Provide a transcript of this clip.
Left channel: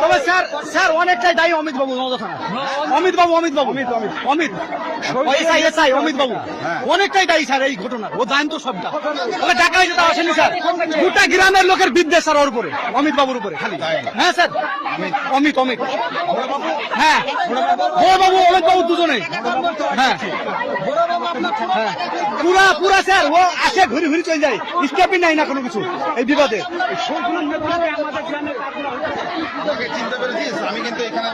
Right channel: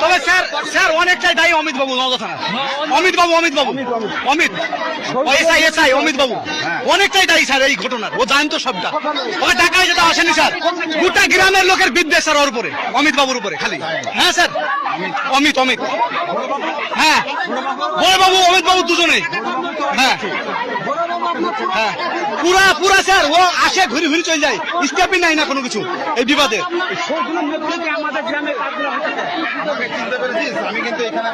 তবে sir sir অনেকটাই দায়ী অমিত বাবু নওদা থানা। অমিত বাবু অমিত বাবু অনেকটাই দায়ী স্যার এই ঘটনার। ও জানেন তো সবটা, ওকে ডাকা হয়েছে তা আসেনি স্যার। গোটা গ্রামের লোকের বিদ্বেষ স্যার ওর উপরে, অমিত বাবুর উপরে খালি। হ্যাঁ স্যার অমিত হ্যাঁ বড় বাবু অমিত বাবু দুজনেই। হ্যাঁ হ্যাঁ পুরা স্যার ও আসে ঘুরি ঘুরি চলে যায়, স্টেপই নাই না কোনো কিছু এই বিবাদে। আমি কিন্তু এখানে